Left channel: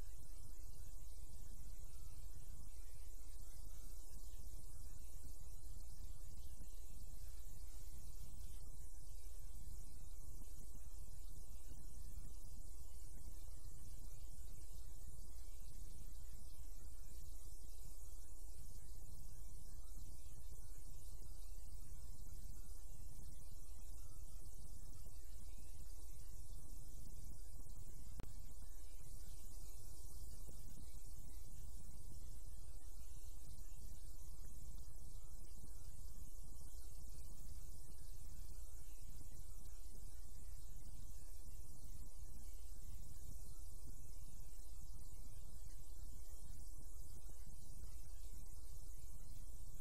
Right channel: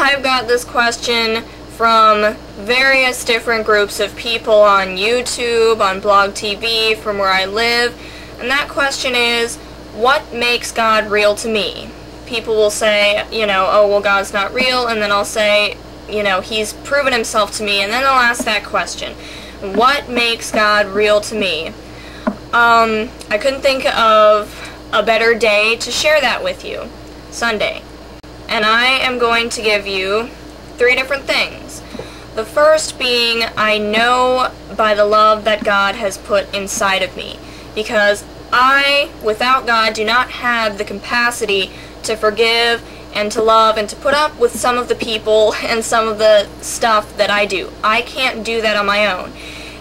I've got this question from various different groups of people on YouTube, on Blog TV, from where I live, and that question is, what makes God real to me? People will say, oh, well, God's not real, and then I'll say, He's proven himself to me, and then they'll ask that question, what makes God real to me? I couldn't think of a better day to share that with you. Sunday. And I am going to give you 3 different things. The first being, I know by the love that God has put inside of me, because I, without God, do not have the capacity to forgive and to love and to put up with some of the people and some of the stuff that I do. I can't do that on my own.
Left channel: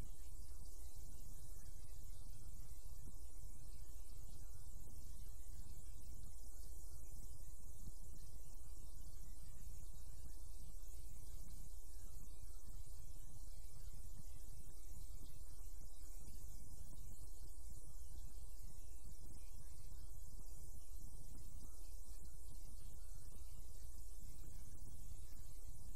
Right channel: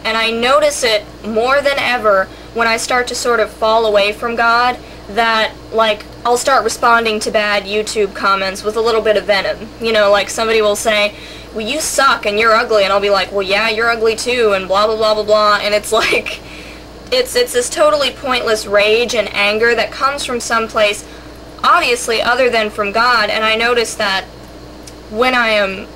And I notice it more than ever when I start to sort of fall away from God, that, like, I'll start responding to bad YouTube comments with a little bit of venom. Like somebody will say, well, you suck and you're ugly, and I'll be like, well, yeah, you're ugly too, and blah, blah, blah, blah, blah, and it's like, it's this totally pointless rage and anger that comes from someplace, obviously, other than from God, and I notice that when I am,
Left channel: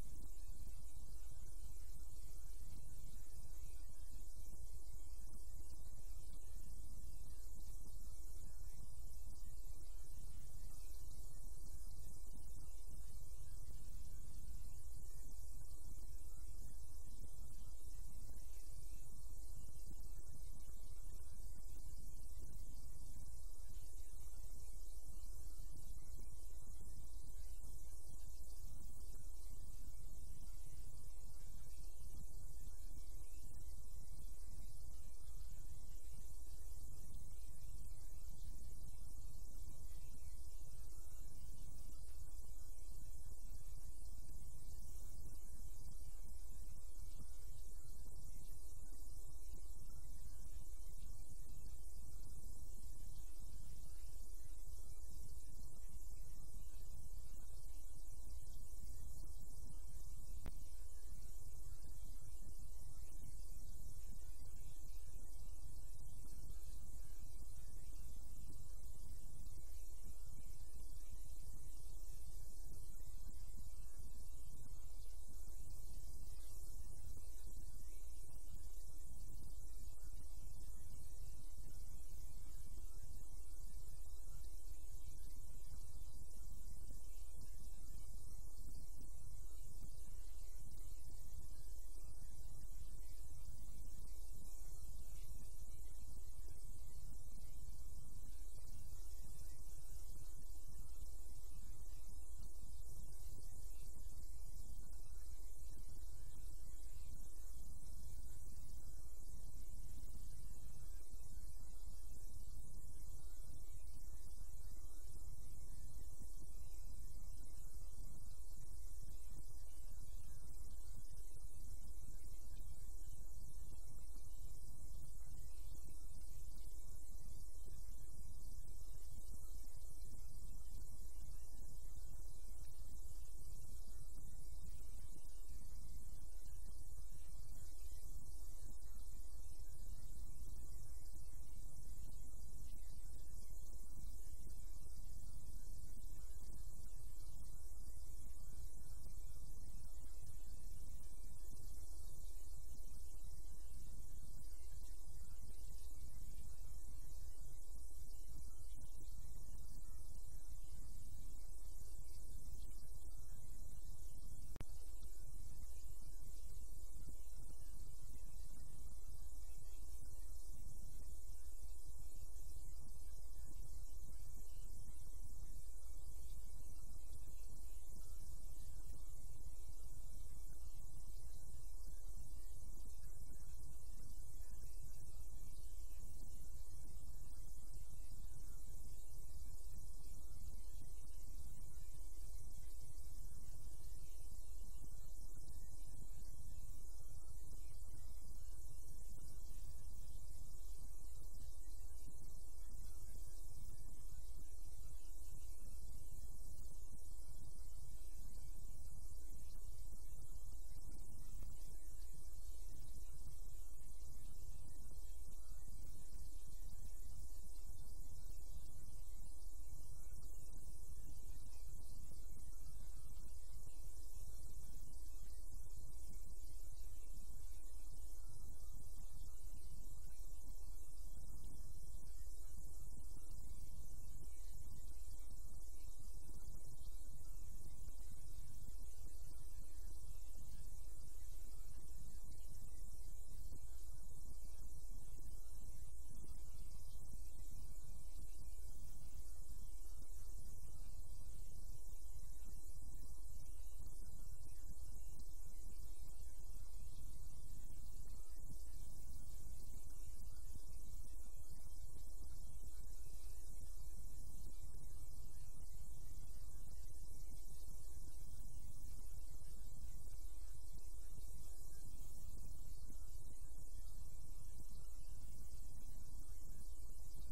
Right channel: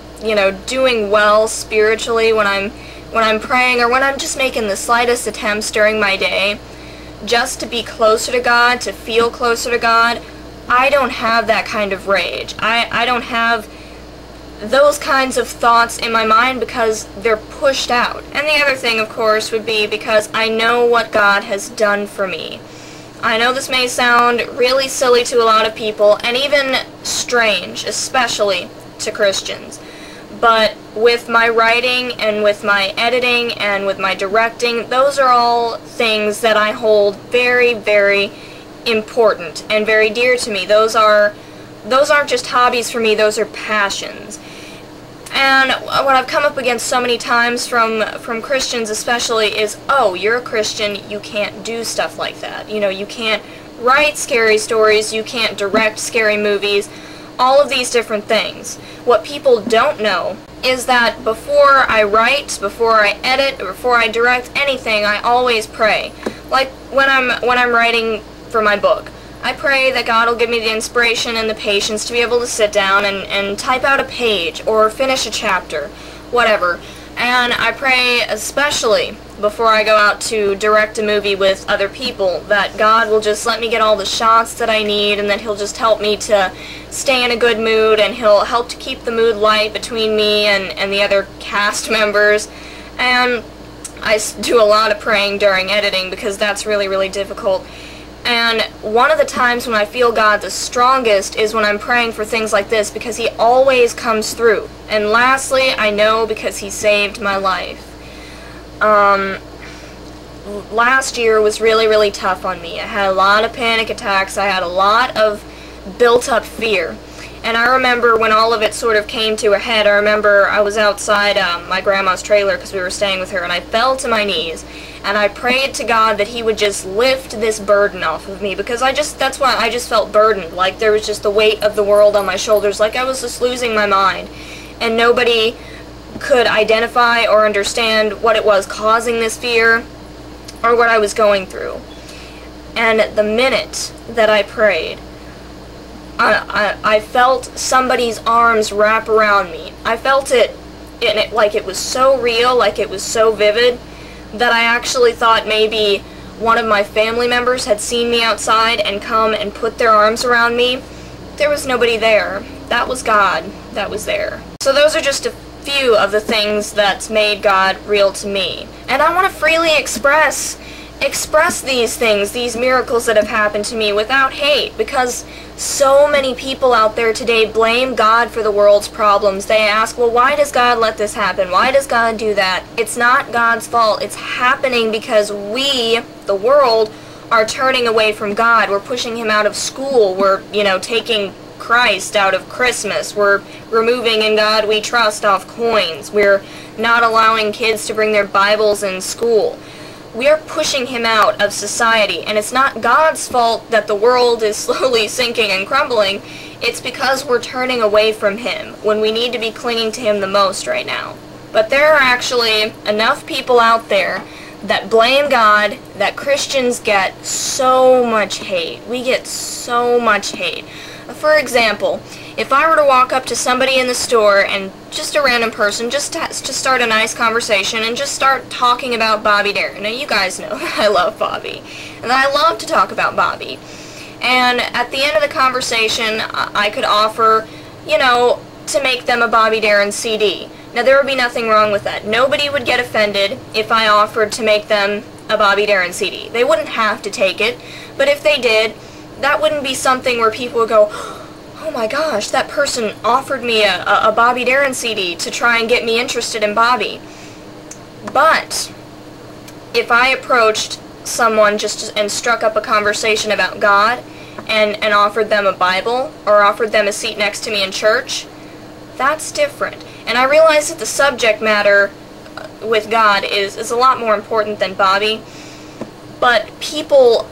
doing well spiritually, when I'm praying, or when I'm just making the slightest attempts during my day, just to be closer to God, to feel closer to God, I don't have that kind of rage. I don't have those kinds of thoughts in my mind because they're pushed out. And the other thing, of course, would be because I know what God has done for me. I know this may sound really silly to a lot of people, and even strange, especially to Christians. But with my writing and with my editing and with my directing, those are all things that I hold very, very important and very dear to me. Those aren't just hobbies for me, those are passions. And what I've come up against so many times from Christians especially is, oh, you're a Christian, you can't do stuff like that. You can't write scary stories, you can't direct scary movies, all of these different things. What people don't know is that before I write, before I edit, before I direct anything, I always pray. Like when I'm writing for my book, I pray that God will give me the inspiration and the patience to be able to sit down and type out a page or finish a chapter, whatever. And I pray especially before I go out to direct a movie with other people that God will just let me get all the shots that I need, and that He'll just help me to stay in a good mood, and He'll help to keep the mood light between me and the other cast members. And I do a lot of praying during editing because that's really, really difficult. And one of the times when I feel God the strongest is when I'm praying for things like this, because He always comes through. And lastly, I know because He saved my life. Last year was really, really tough on me. I had a lot of panic attacks. I had a lot of built-up fear. And I remember when all of it sort of came to a head, I remember I was outside my grandma's trailer because we were staying with her, and I fell to my knees. And I prayed to God that He would just lift this burden off of me, because that's why I just felt burdened. Like there was just the weight of the world on my shoulders, like I was just losing my mind. And nobody could identify or understand what it was causing this fear or what I was going through. And the minute that I prayed, I felt somebody's arms wrap around me. I felt it like it was so real, like it was so vivid, that I actually thought maybe one of my family members had seen me outside and come and put their arms around me. There was nobody there. That was God that was there. So those are just a few of the things that's made God real to me. And I want to freely express these things, these miracles that have happened to me without hate, because so many people out there today blame God for the world's problems. They ask, well, why does God let this happen? Why does God do that? It's not God's fault. It's happening because we, the world, are turning away from God. We're pushing Him out of school. We're, taking Christ out of Christmas. We're removing "In God We Trust" off coins. We're not allowing kids to bring their Bibles in school. We are pushing Him out of society, and it's not God's fault that the world is slowly sinking and crumbling. It's because we're turning away from Him when we need to be clinging to Him the most right now. But there are actually enough people out there that blame God that Christians get so much hate. We get so much hate. For example, if I were to walk up to somebody in the store and just a random person, just to start a nice conversation and just start talking about Bobby Darin. Now you guys know that I love Bobby, and that I love to talk about Bobby. And at the end of the conversation, I could offer, you know, to make them a Bobby Darin CD. Now there would be nothing wrong with that. Nobody would get offended if I offered to make them a Bobby Darin CD. They wouldn't have to take it, but if they did, that wouldn't be something where people would go, oh my gosh, that person offered me a Bobby Darin CD to try and get me interested in Bobby. But if I approached someone and struck up a conversation about God and offered them a Bible or offered them a seat next to me in church, that's different. And I realize that the subject matter with God is a lot more important than Bobby, but people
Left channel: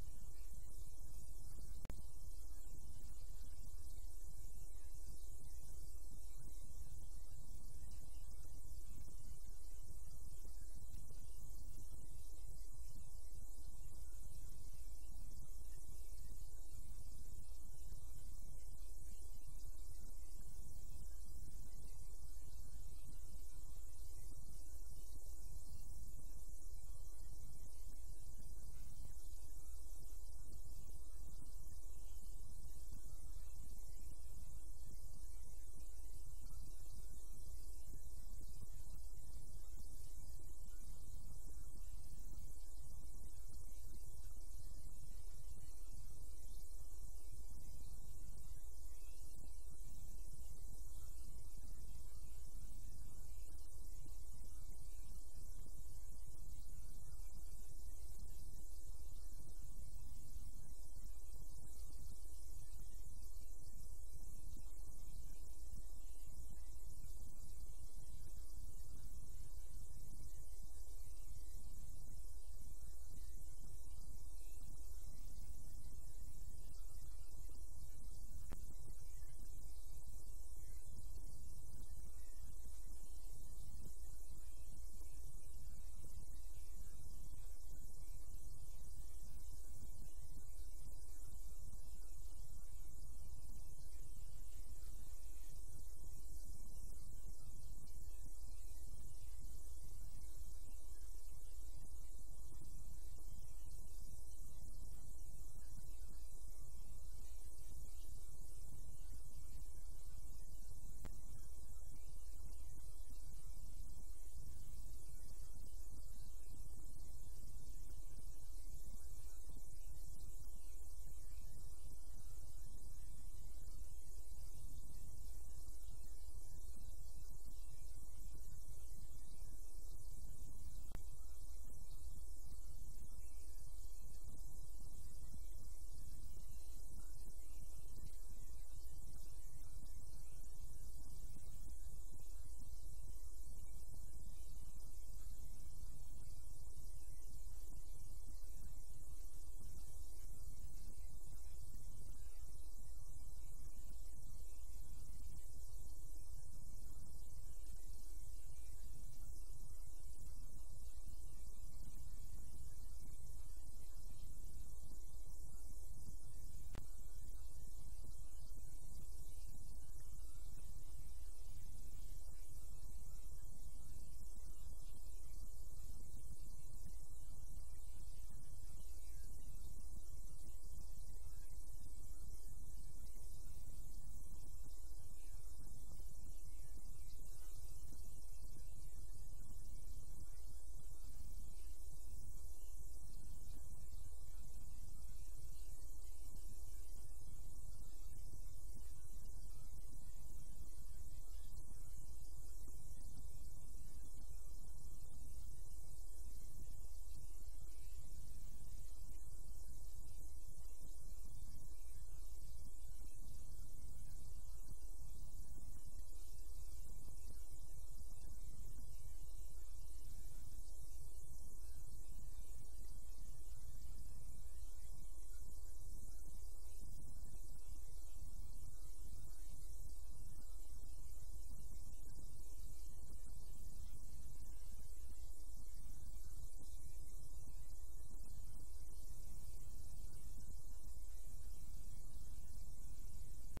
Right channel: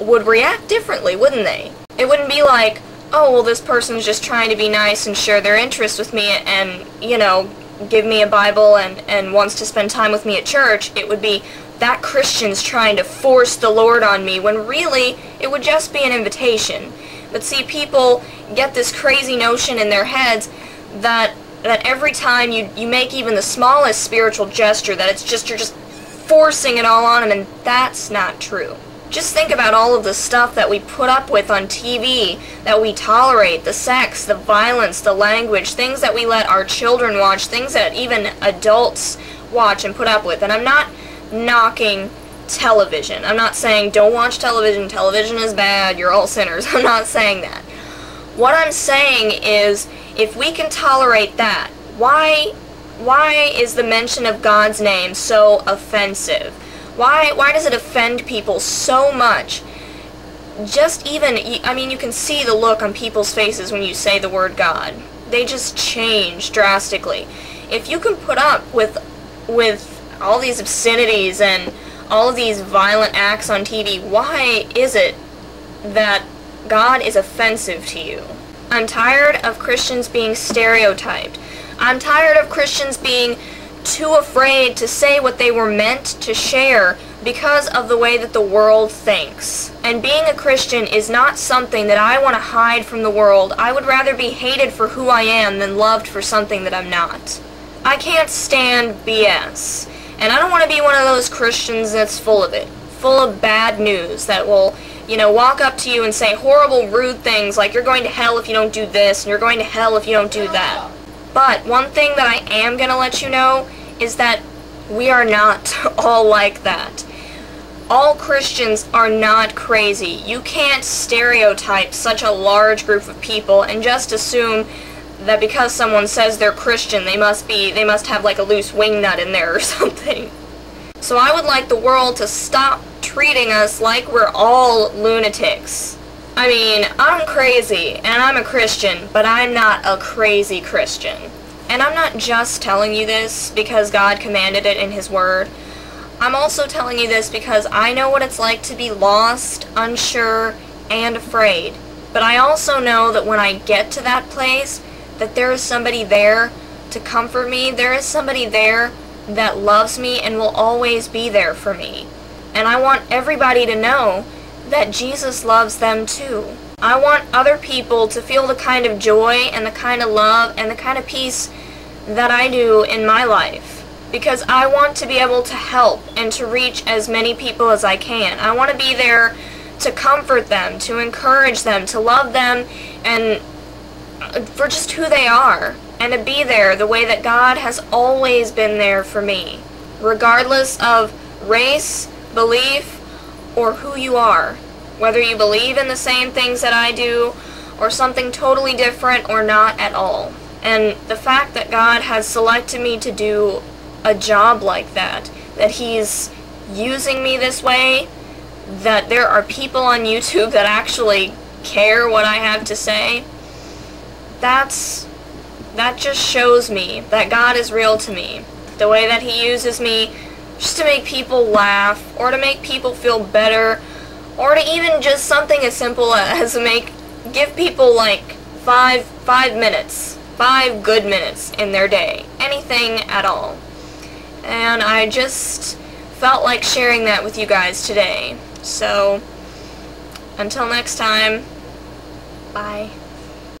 would react differently, wouldn't they? It wouldn't be like, oh, well, this person's just trying to be nice and share their interest with me and, you know, give me a Bible and wants to spend time with me at church. It would be, that Christian's trying to force the Lord on me, when really, it would just be an invitation. But see, people get this crazy notion in their heads that every time you make even the smallest spiritual gesture, that you're just forcing it all on them, and that's not true. Just think about all of the stuff that we put up with on TV, that we tolerate, the sex, the violence, the language, things that we let our children watch, things that even adults watch and put up with. And I'm not knocking television. I'm not saying don't watch television, television is bad, you're all sinners. I'm not saying that. What I'm saying is, if we can tolerate that, why is the mention of God's name so offensive? Why does it offend people so much? Just even, I mean, you can see the look on people's faces when you say the word God. They just change drastically. If you can put up with all these obscenities and all of these violent acts on TV, why is it that God is offensive to you? I'm tired of Christians being stereotyped. I'm tired of Christians being too afraid to say what they were meant to share because of the way that the world thinks. And being a Christian is not something that I want to hide from the world. I would rather be hated for who I am than loved for something that I'm not. I can't stand BS. And I don't want to be one of those Christians that's full of it. Full of bad news that will, you know, walk up to you and say horrible, rude things like you're going to hell if you don't do this and you're going to hell if you don't do that. But one thing that I am going to let you know is that we are not all like that. All Christians are not crazy. You can't stereotype such a large group of people and just assume that because someone says they're Christian, they must have like a loose wingnut in there or something. So I would like the world to stop treating us like we're all lunatics. I mean, I'm crazy, and I'm a Christian, but I'm not a crazy Christian. And I'm not just telling you this because God commanded it in His Word. I'm also telling you this because I know what it's like to be lost, unsure, and afraid. But I also know that when I get to that place, that there is somebody there to comfort me. There is somebody there that loves me and will always be there for me. And I want everybody to know that Jesus loves them too. I want other people to feel the kind of joy and the kind of love and the kind of peace that I do in my life. Because I want to be able to help and to reach as many people as I can. I want to be there to comfort them, to encourage them, to love them, and for just who they are. And to be there the way that God has always been there for me. Regardless of race, belief, or who you are. Whether you believe in the same things that I do, or something totally different, or not at all. And the fact that God has selected me to do a job like that He's using me this way, that there are people on YouTube that actually care what I have to say, that just shows me that God is real to me. The way that He uses me just to make people laugh, or to make people feel better, or to even just something as simple as give people like 5 minutes, 5 good minutes in their day. Anything at all. And I just felt like sharing that with you guys today. So, until next time, Bye.